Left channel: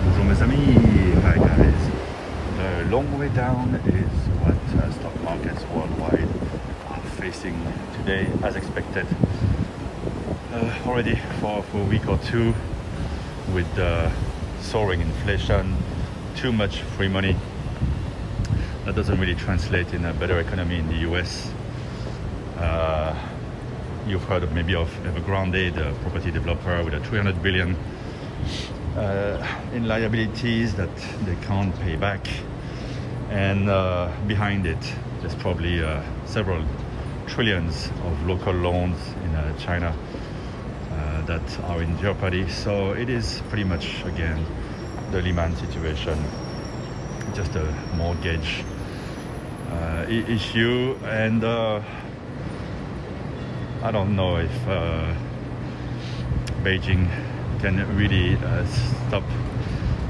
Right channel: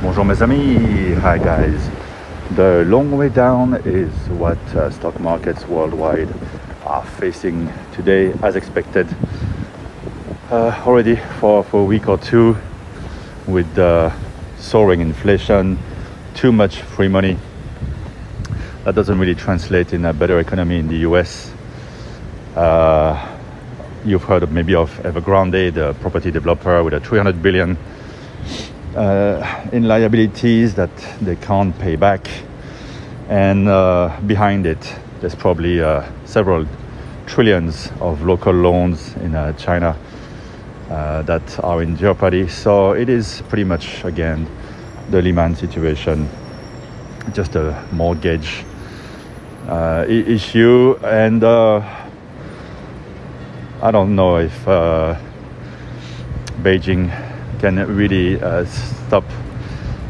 Bonjour mes amis, hi guys. The long way down is what stock markets worldwide are facing today, as expected. Already for a week or two, with soaring inflation, too much free money. That doesn't really translate in a better economy in the US. You've heard maybe of Evergrande, the property developer with a 300 billion in liabilities that they can't pay back, and behind it there's probably several trillions of local loans in China that are in jeopardy. So it is pretty much again the Lehman situation, just a mortgage issue. And I don't know if Beijing can really stop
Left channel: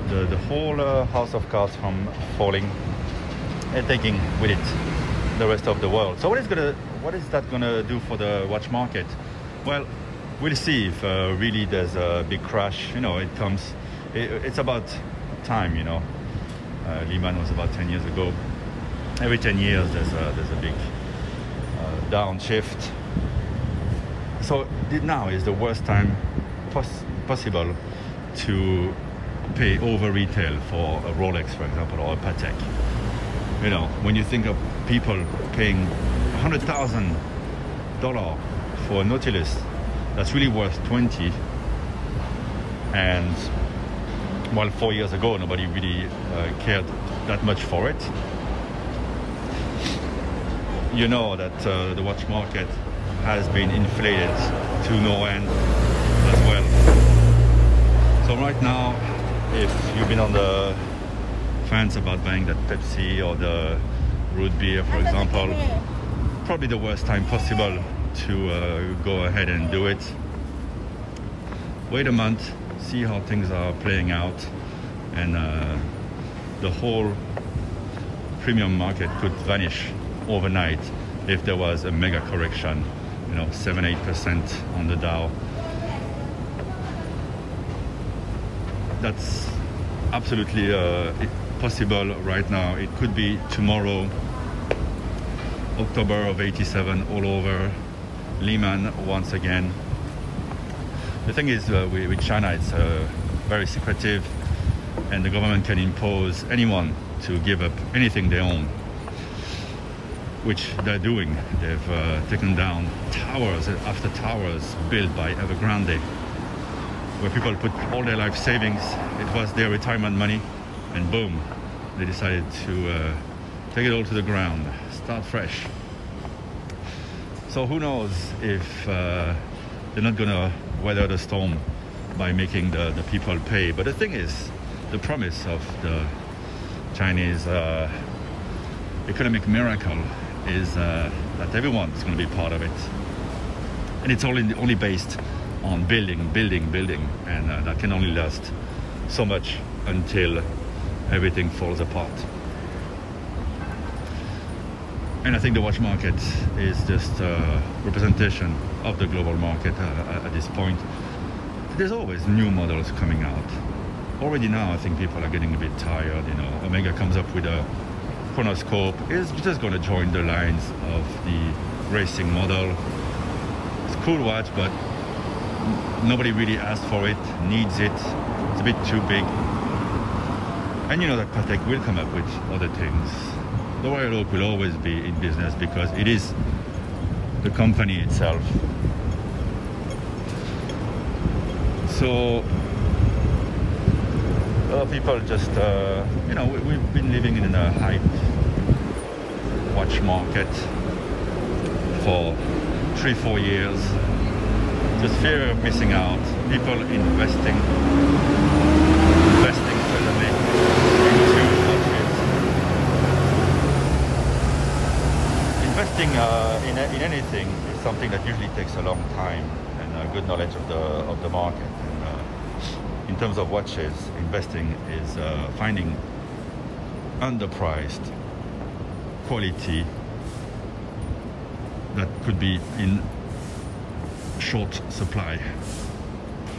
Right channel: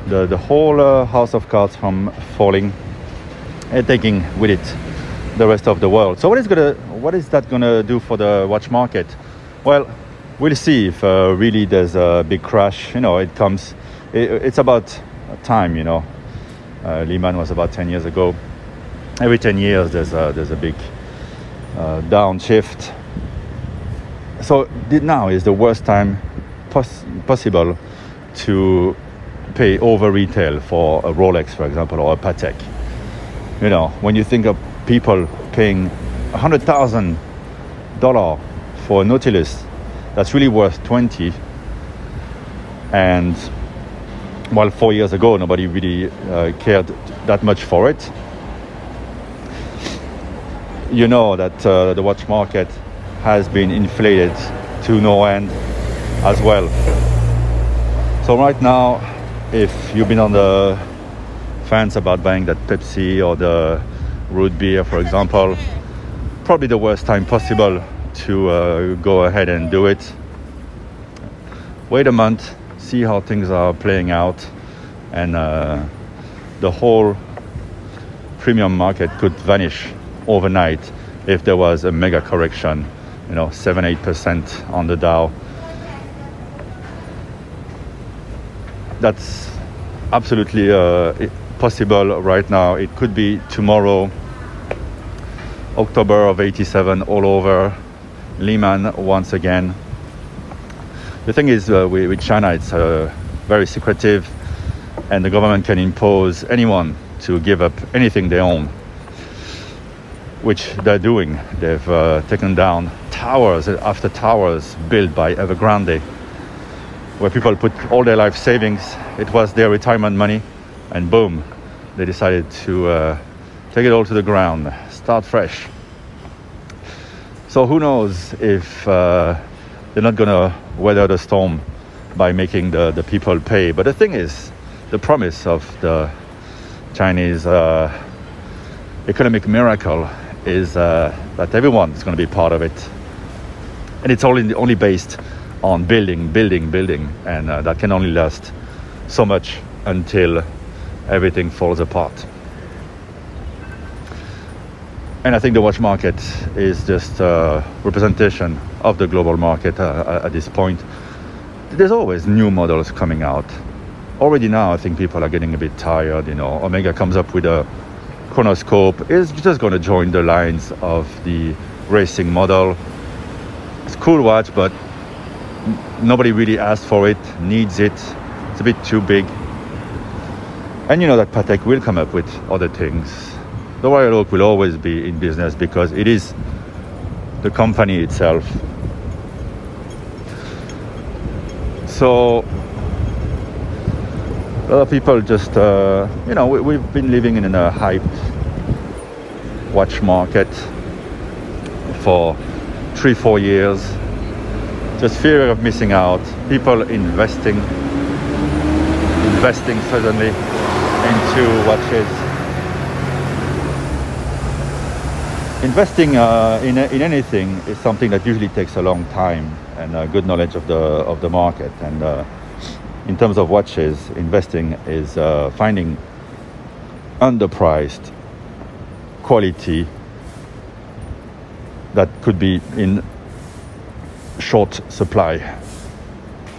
the whole house of cards from falling and taking with it the rest of the world. So what is that gonna do for the watch market? Well, we'll see if really there's a big crash. You know, it's about time. You know, Lehman was about 10 years ago. Every 10 years there's a big downshift. So now is the worst time possible to pay over retail for a Rolex, for example, or a Patek. You know, when you think of people paying $100,000 for a Nautilus, that's really worth 20. And while 4 years ago nobody really cared that much for it, you know that the watch market has been inflated to no end as well. So right now, if you've been on the fence about buying that Pepsi or the root beer, for example, probably the worst time possible to go ahead and do it. Wait a month, see how things are playing out, and the whole premium market could vanish overnight if there was a mega correction, you know, 7-8% on the Dow. That's absolutely possible right now. It could be tomorrow. October of '87 all over. Lehman once again. The thing is with China, it's very secretive, and the government can impose anyone to give up anything they own, which they're doing. They've taken down towers after towers built by Evergrande, where people put all their life savings. It was their retirement money, and boom, they decided to take it all to the ground, start fresh. So who knows if they're not gonna weather the storm by making the people pay. But the thing is, the promise of the Chinese economic miracle is that everyone is going to be part of it, and it's only based on building, and that can only last so much until everything falls apart. And I think the watch market is just a representation of the global market at this point. There's always new models coming out. Already now, I think people are getting a bit tired. You know, Omega comes up with a chronoscope. It's just going to join the lines of the racing model. It's a cool watch, but nobody really asked for it, needs it. It's a bit too big. And you know that Patek will come up with other things. The Royal Oak will always be in business because it is the company itself. So a lot of people just, you know, we've been living in a hype watch market for 3-4 years. Just fear of missing out. People investing suddenly into watches. Investing in anything is something that usually takes a long time and a good knowledge of the market. And in terms of watches, investing is finding underpriced quality that could be in short supply.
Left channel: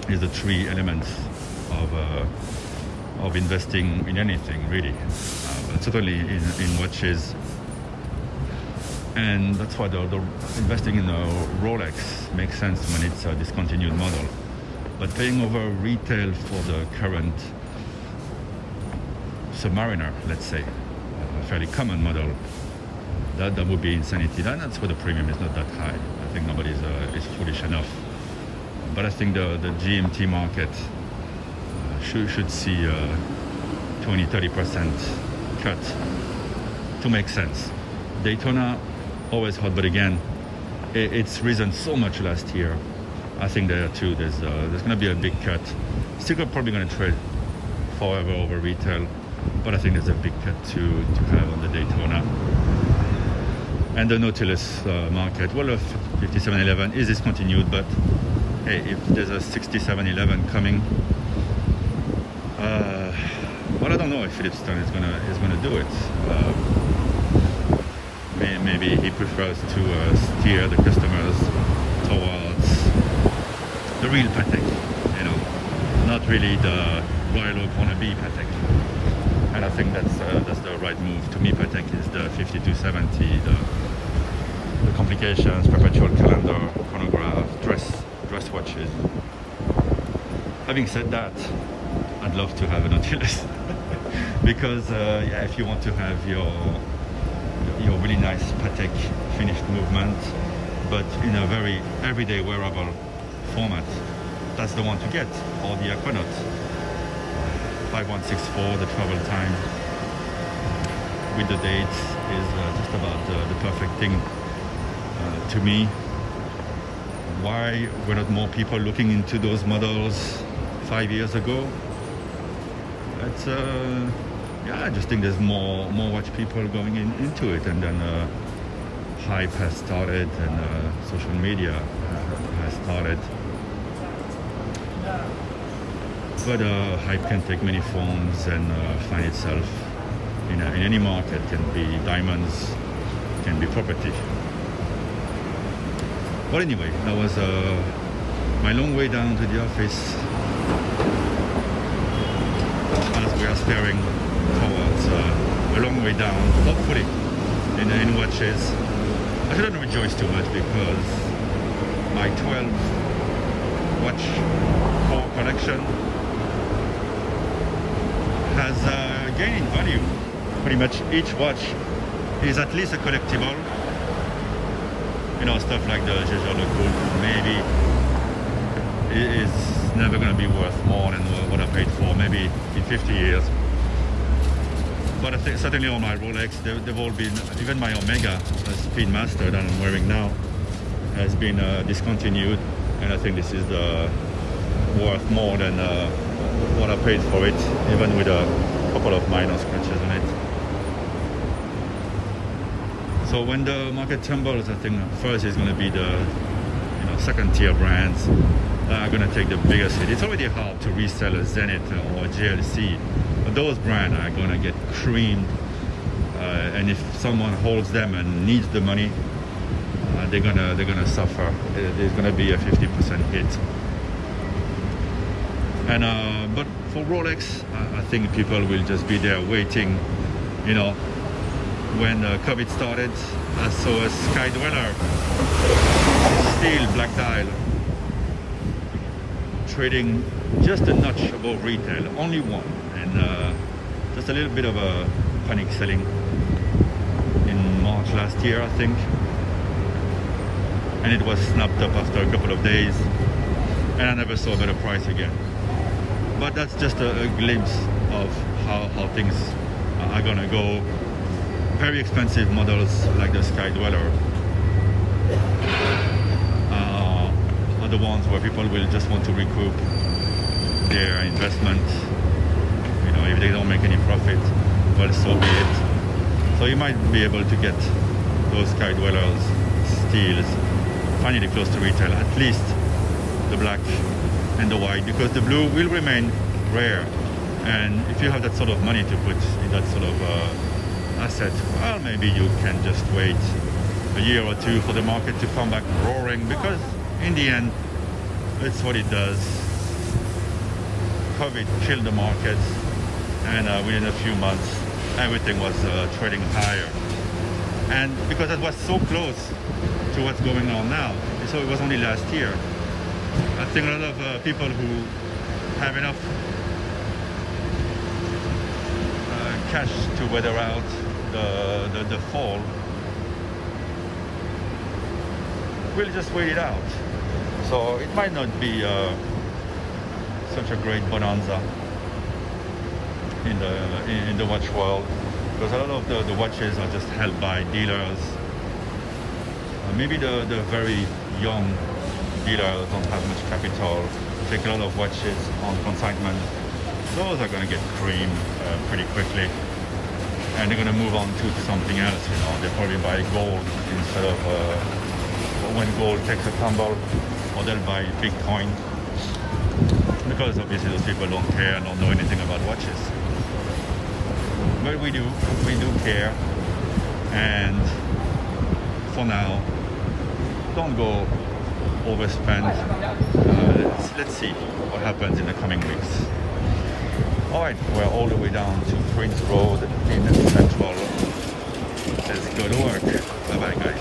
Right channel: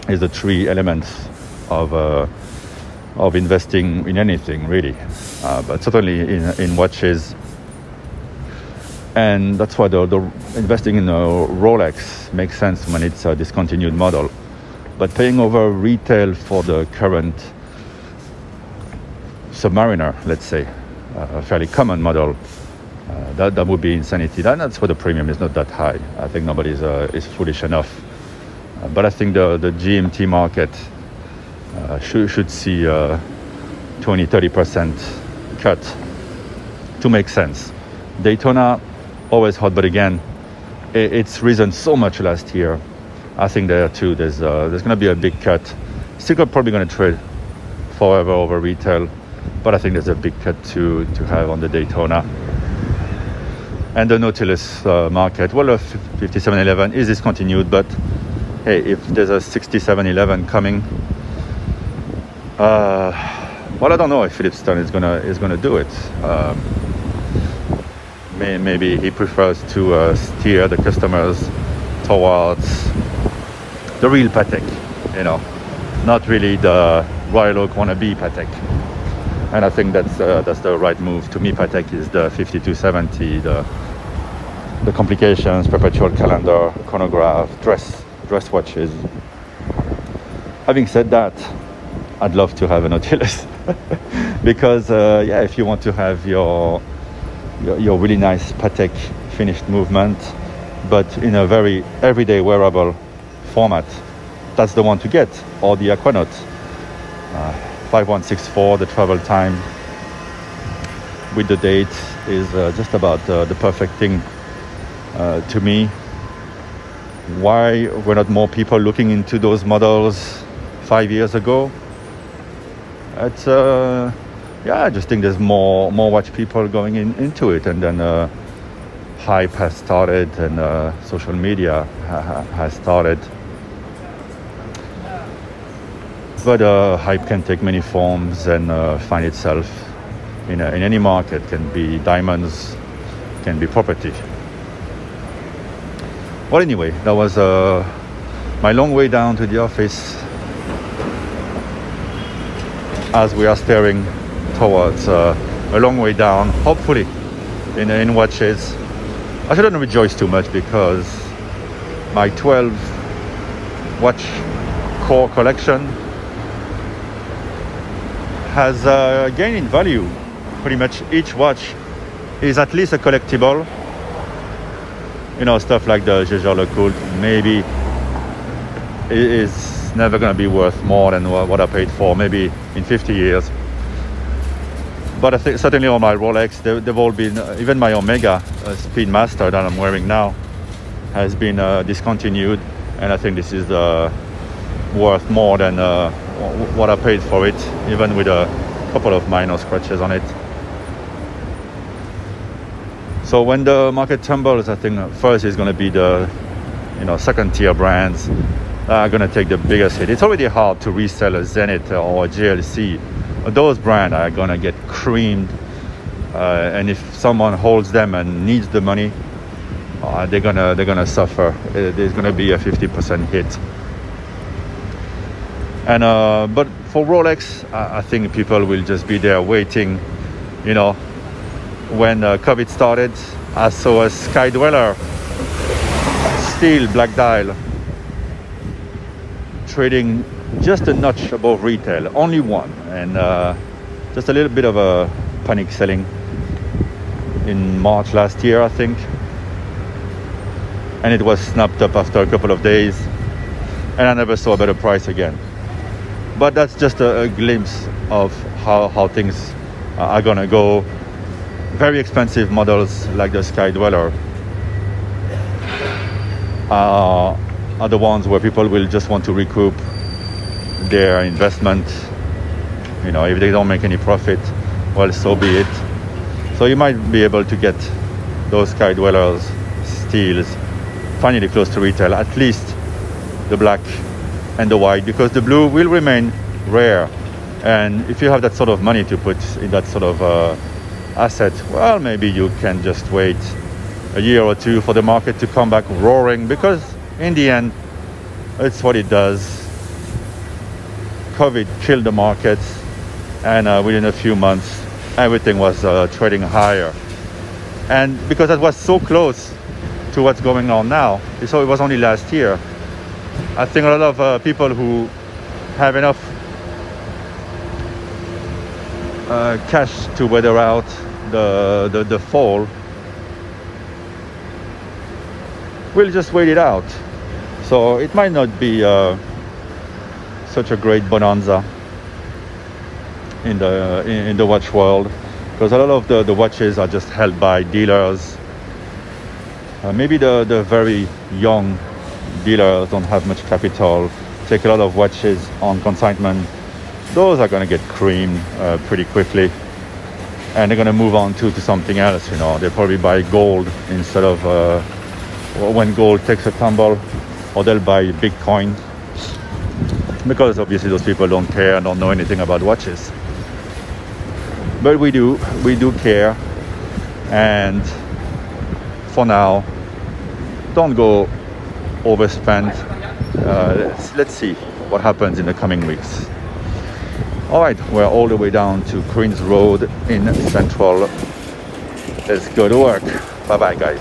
Is the three elements of of investing in anything really, but certainly in watches. And that's why the investing in a Rolex makes sense when it's a discontinued model. But paying over retail for the current Submariner, let's say, a fairly common model, that would be insanity. That's why the premium is not that high. I think nobody is foolish enough. But I think the GMT market should see 20-30% cut to make sense. Daytona, always hot, but again, it's risen so much last year. I think there too, there's going to be a big cut. Still probably going to trade forever over retail, but I think there's a big cut to have on the Daytona. And the Nautilus market, well, 5711 is discontinued, but hey, if there's a 6711 coming, well, I don't know if Philip Stone is gonna do it. Maybe he prefers to steer the customers towards the real Patek, you know, not really the Royal Oak wannabe Patek. And I think that's the right move. To me, Patek is the 5270, the complications, perpetual calendar, chronograph, dress watches. Having said that, I'd love to have a Nautilus because yeah, if you want to have your really nice Patek finished movement, but in a very everyday wearable format, that's the one to get. Or the Aquanaut 5164, the travel time with the date is just about the perfect thing to me. Why were not more people looking into those models 5 years ago? It's yeah, I just think there's more watch people going into it, and then hype has started, and social media has started. But hype can take many forms and find itself in any market. Can be diamonds, can be property. Well, anyway, that was my long way down to the office as we are staring towards a long way down, hopefully, in watches. I shouldn't rejoice too much because my 12 watch core collection has gained in value. Pretty much each watch is at least a collectible. You know, stuff like the Jaeger-LeCoultre maybe is never going to be worth more than what I paid for, maybe in 50 years. But I think certainly on my Rolex, they've all been, even my Omega Speedmaster that I'm wearing now has been discontinued, and I think this is worth more than what I paid for it, even with a couple of minor scratches on it. So when the market tumbles, I think first is going to be the second tier brands that are going to take the biggest hit. It's already hard to resell a Zenith or a JLC. Those brands are going to get creamed, and if someone holds them and needs the money, they're gonna suffer. There's going to be a 50% hit. And but for Rolex, I think people will just be there waiting. You know, when COVID started, I saw a Sky Dweller, steel black dial, trading just a notch above retail, only one, and just a little bit of a panic selling in March last year, I think, and it was snapped up after a couple of days, and I never saw a better price again. But that's just a glimpse of how things are gonna go. Very expensive models like the Sky Dweller are the ones where people will just want to recoup their investment. You know, if they don't make any profit, well, so be it. So you might be able to get those Sky Dwellers steals finally close to retail, at least the black and the white, because the blue will remain rare. And if you have that sort of money to put in that sort of asset, well, maybe you can just wait a year or two for the market to come back roaring, because in the end, it's what it does. COVID killed the markets, and within a few months everything was trading higher. And because that was so close to what's going on now, so it was only last year, I think a lot of people who have enough cash to weather out the fall will just wait it out. So it might not be such a great bonanza in the watch world, because a lot of the watches are just held by dealers. Maybe the very young dealers don't have much capital, take a lot of watches on consignment. Those are going to get creamed pretty quickly, and they're going to move on to something else. You know, they'll probably buy gold instead of when gold takes a tumble, or they'll buy Bitcoin, because obviously those people don't care and don't know anything about watches. But we do care, and for now, don't go overspend. Let's see what happens in the coming weeks. All right, we're all the way down to Queen's Road in Central. Let's go to work. Bye bye, guys.